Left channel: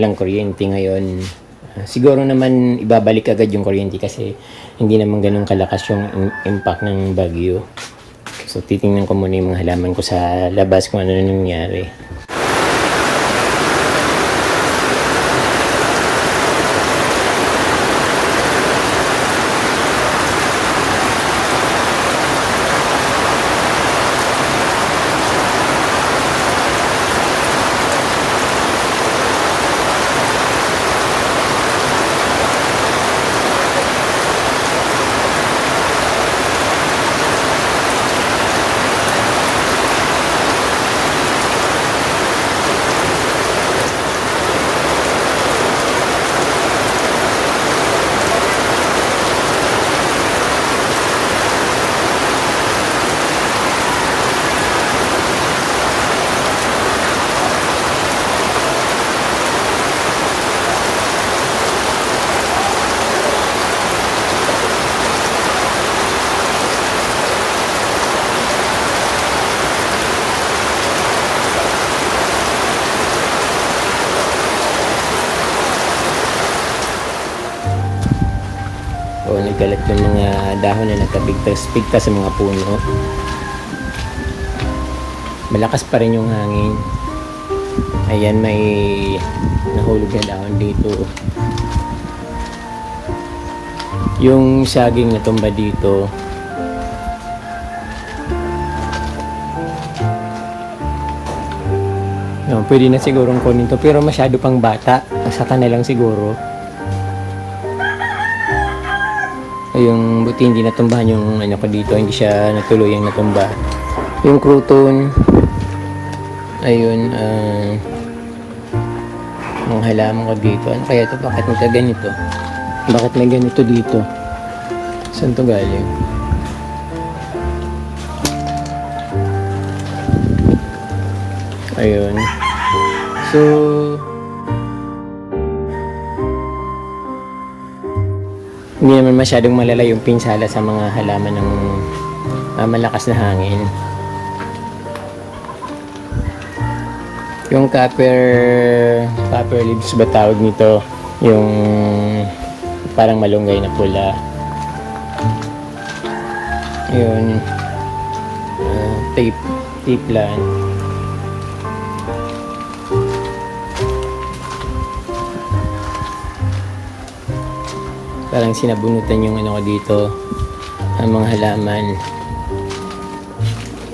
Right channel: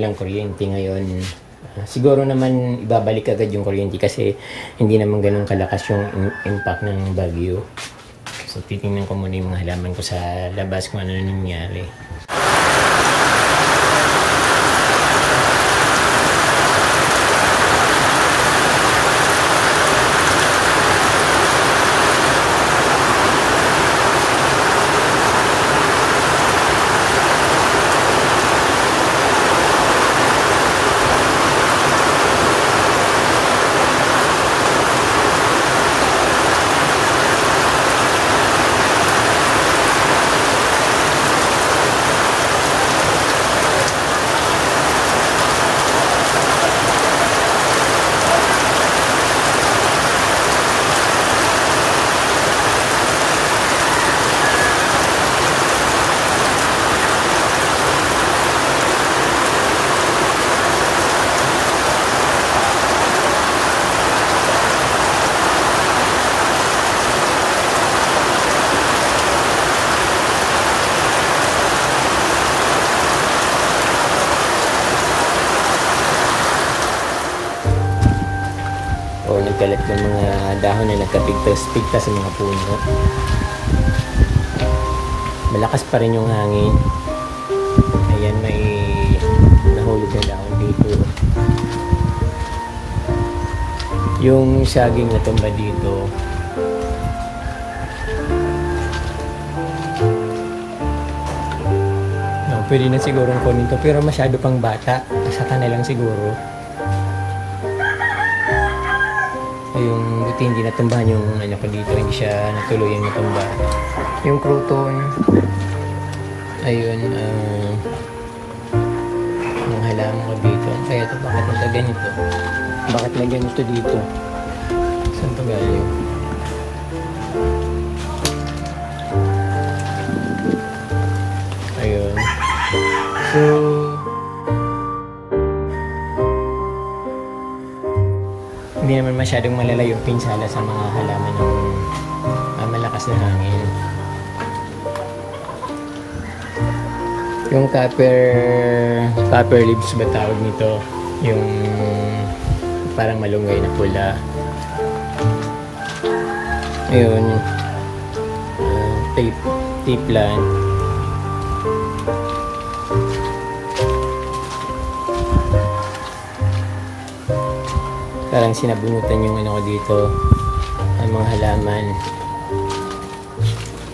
walang kuryente ngayon. Siguro naman ibabalik agad yung kuryente kasi hindi naman ganun kalakas yung impact ng bagyo. So titingnan ko muna yung mga halaman ko sa labas kung ano nangyari. O nagkalat yung mga dahon na nagkapigtas-pigtas sa mga puno. Malakas pa rin yung hangin. Ayan, may nahulog na dahon dito. Yung saging na tumba dito. No, pwede na sigurong kunin to pero masyado pang bata. Asaka na lang siguro. Yung buti hindi natumbahan yung ano ko dito, hindi siya natuluyang natumba. Yung crouton, ayun, mga halaman ko dito. Ano kaya ito? Bakit nagkaganito? Bakit may ganito dito? Saan ito galing? Ayun. So, hindi naman masyadong malala yung pinsala sa mga halaman ng malakas na hangin. Yung copper leaves ba tawag nito? Yung parang malunggay na pula. Ayun. Tea plant. Parang sinabunutan yung ano ko dito, ang mga halaman.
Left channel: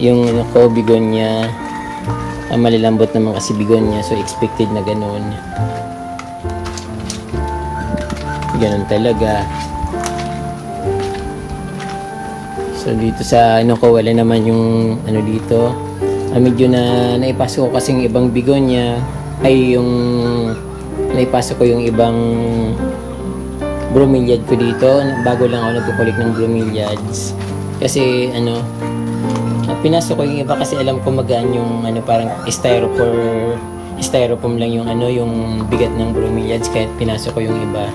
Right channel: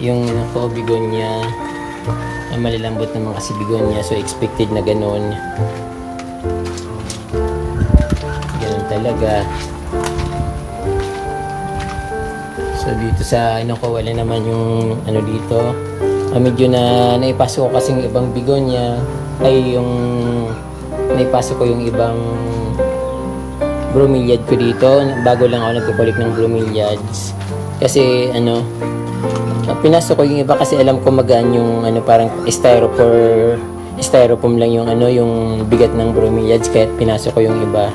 Yung ano ko, bigonya, malalambot naman kasi bigonya, so expected na ganun. Ganun talaga. So dito sa ano ko, wala naman yung ano dito. Medyo na naipasok ko kasing ibang bigonya, ay yung naipasok ko yung ibang bromeliad ko dito. Bago lang ako nagkukulik ng bromeliads kasi ano, pinasok ko yung iba kasi alam ko magaan yung ano, parang styrofoam lang yung ano, yung bigat ng bromeliads, kaya pinasok ko yung iba.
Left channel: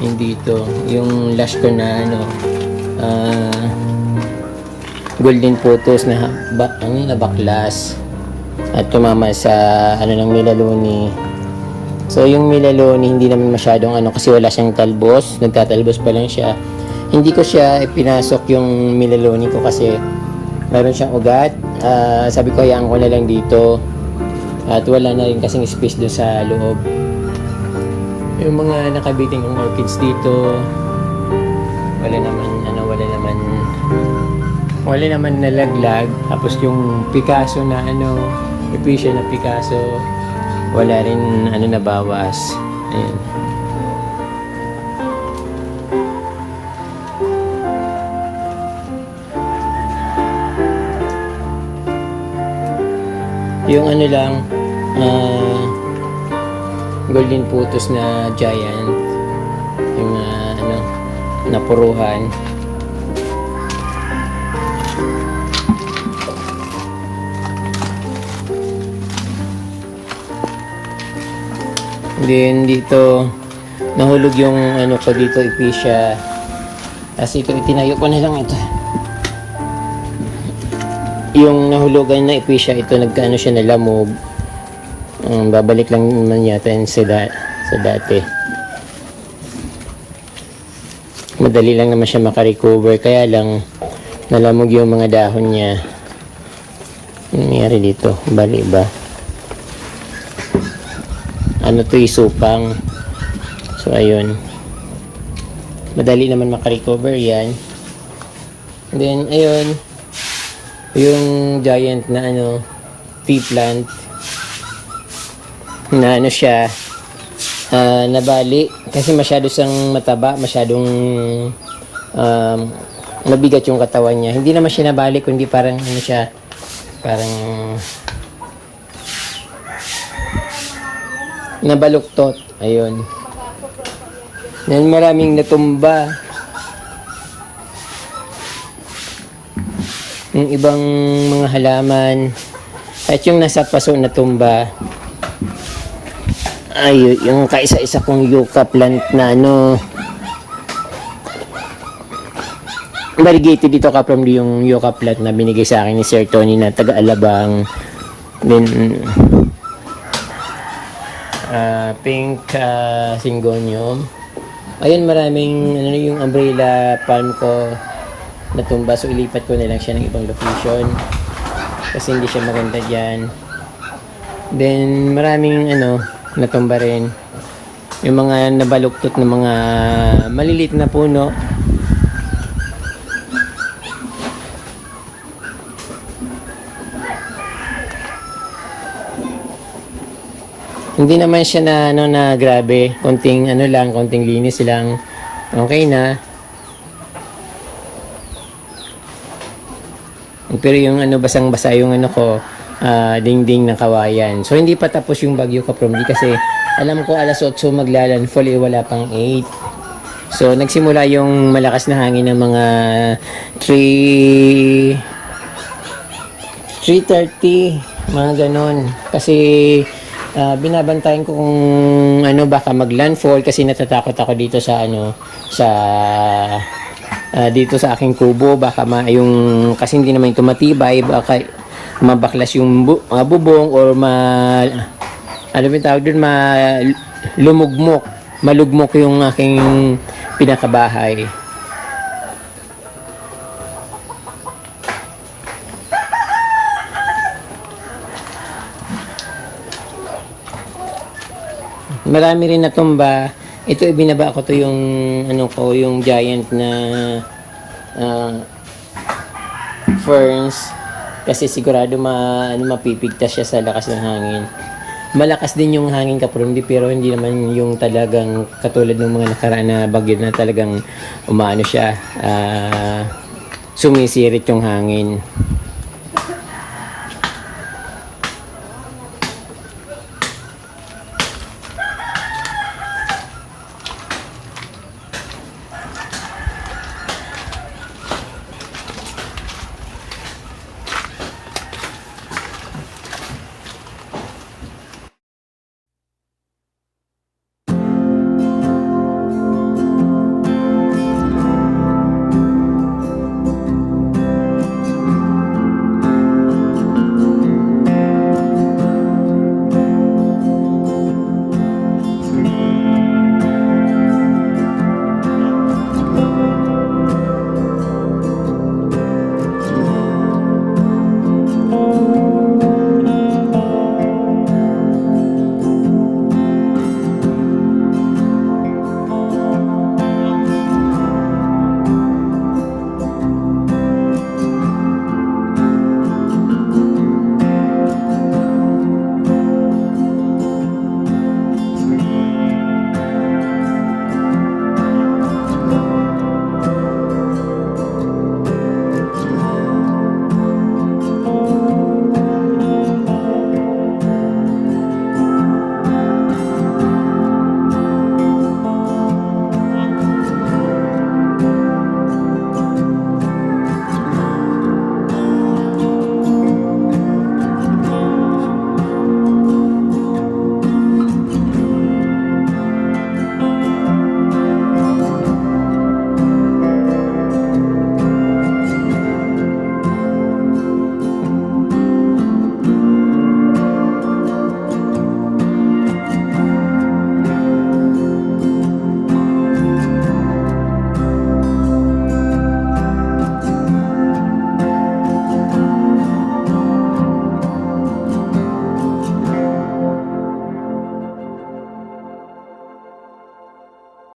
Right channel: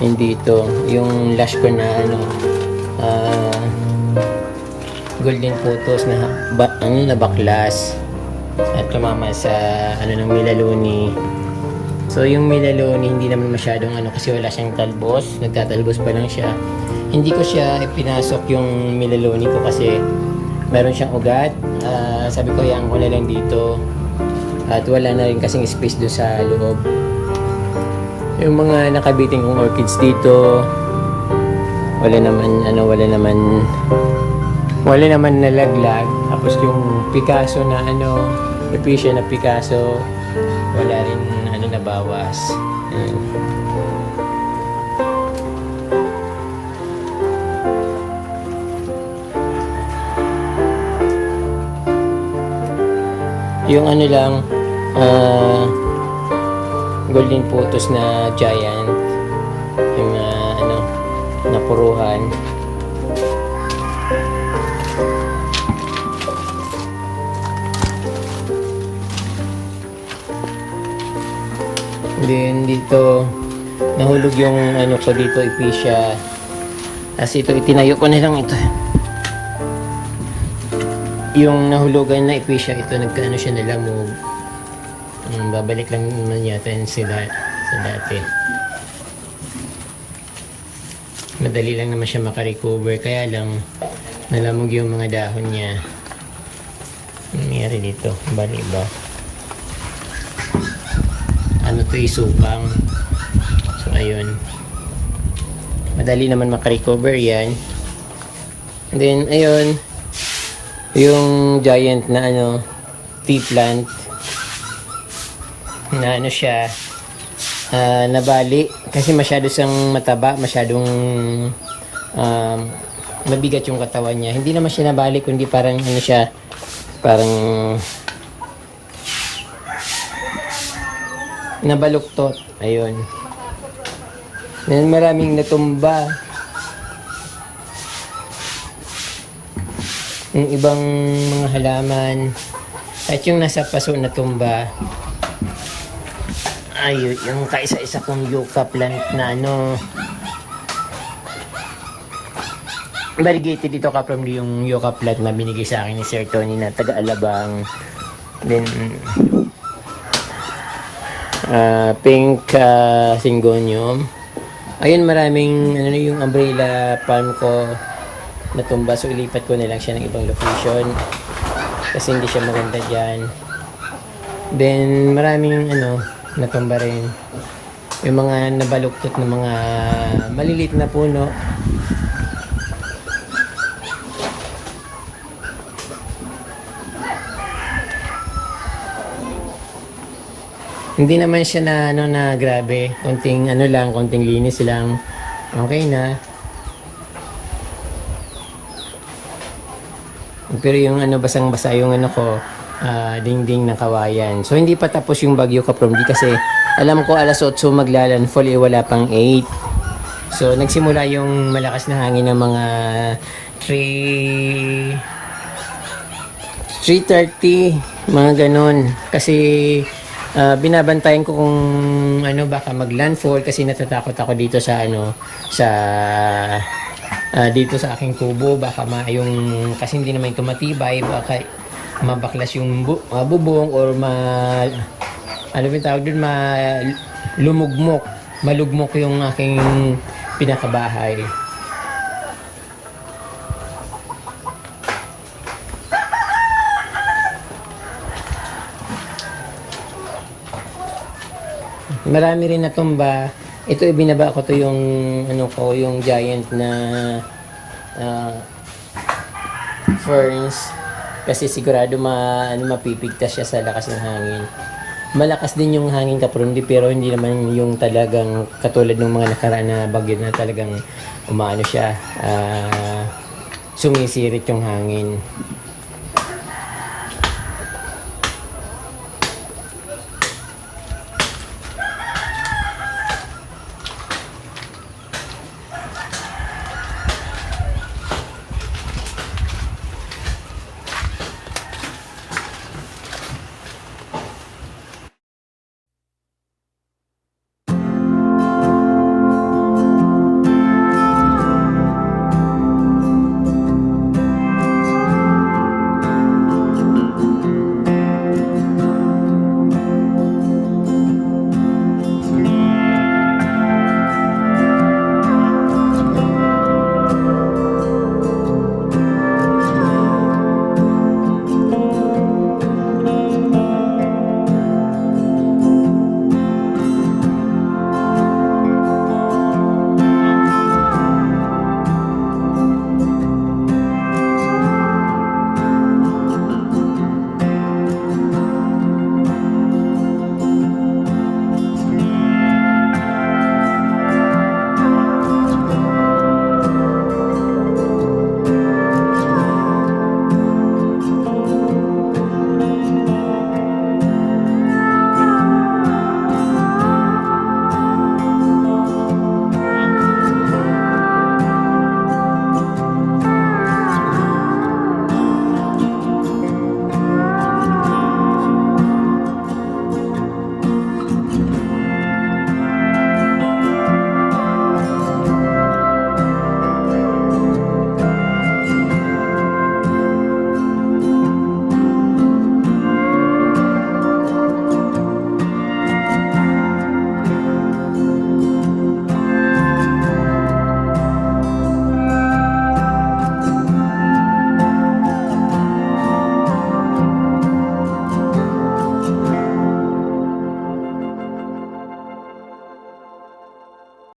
Yung dito yung lash ko na ano, golden photos na baklas at tumama sa ano ng melaloni. So yung melaloni hindi naman masyadong ano kasi wala siyang talbos, nagtatalbos pa lang siya. Hindi ko siya ipinasok yung melaloni ko kasi meron siyang ugat. Sabi ko hayaan ko na lang dito at wala na rin kasing space doon sa loob. Yung mga nakabiting kong orchids dito, wala naman nalaglag. Tapos yung Picasso na ano, Epicia na Picasso, wala rin ano nabawas. Ayan. Yung ano lang, golden photos na giant, yung ano, napuruhan. Then dito nahulog yung ano ko dito, Epicia. Kasi ito itinayo ko na lang ito. Yung nahulugan na Epicia, ito nagkaano siya nalamog. Babalik lang naman yata yun sa dati. Madali lang naman siya makarecover, kaya lang nalamog yung mga dahon niya. Ano nangyari dito? Bali ba? Ano to, isupang. So ayun, madali naman makarecover yan. And then ayun, yung giant na tea plant na siya, nabali kasi masyado siyang mataba, masyadong mabigat yung katawan niya. Hindi naman siya nabali, kundi parang siya, parang nabaluktot. Ayun. Then maraming natumba. Yung ibang mga halaman at yung nasa paso natumba. Ay, yung kaisa-isa kong yucca plant na variegated dito from yung yucca plant na binigay sa akin ni Sir Tony na taga-Alabang. Then pink syngonium. Ayun, maraming yung umbrella palm ko natumba, so ilipat ko na lang siya ng ibang location kasi hindi siya maganda dyan. Then maraming natumba rin, yung mga nabaluktot na mga maliliit na puno. Hindi naman siya na grabe, konting konting linis lang, okay na. Pero yung basang-basa yung dingding ng kawayan. So hindi pa tapos yung bagyo Kapromdi kasi alam ko alas 8 maglalandfall, wala pang 8. So nagsimula yung malakas na hangin ng mga 3:30, mga ganun. Kasi binabantayan ko kung baka maglandfall kasi natatakot ako dito sa dito sa aking kubo, baka yung kasi hindi naman ito matibay, baka mabaklas yung bubong or malugmok yung aking pinakabahay. Marami rin natumba. Ito ibinaba ko to yung yung giant na ferns kasi sigurado mapipigtas siya sa lakas ng hangin. Malakas din yung hangin Kapromdi, pero hindi naman yung talagang katulad ng mga nakaraan na bagyo na talagang siya, sumisirit yung hangin.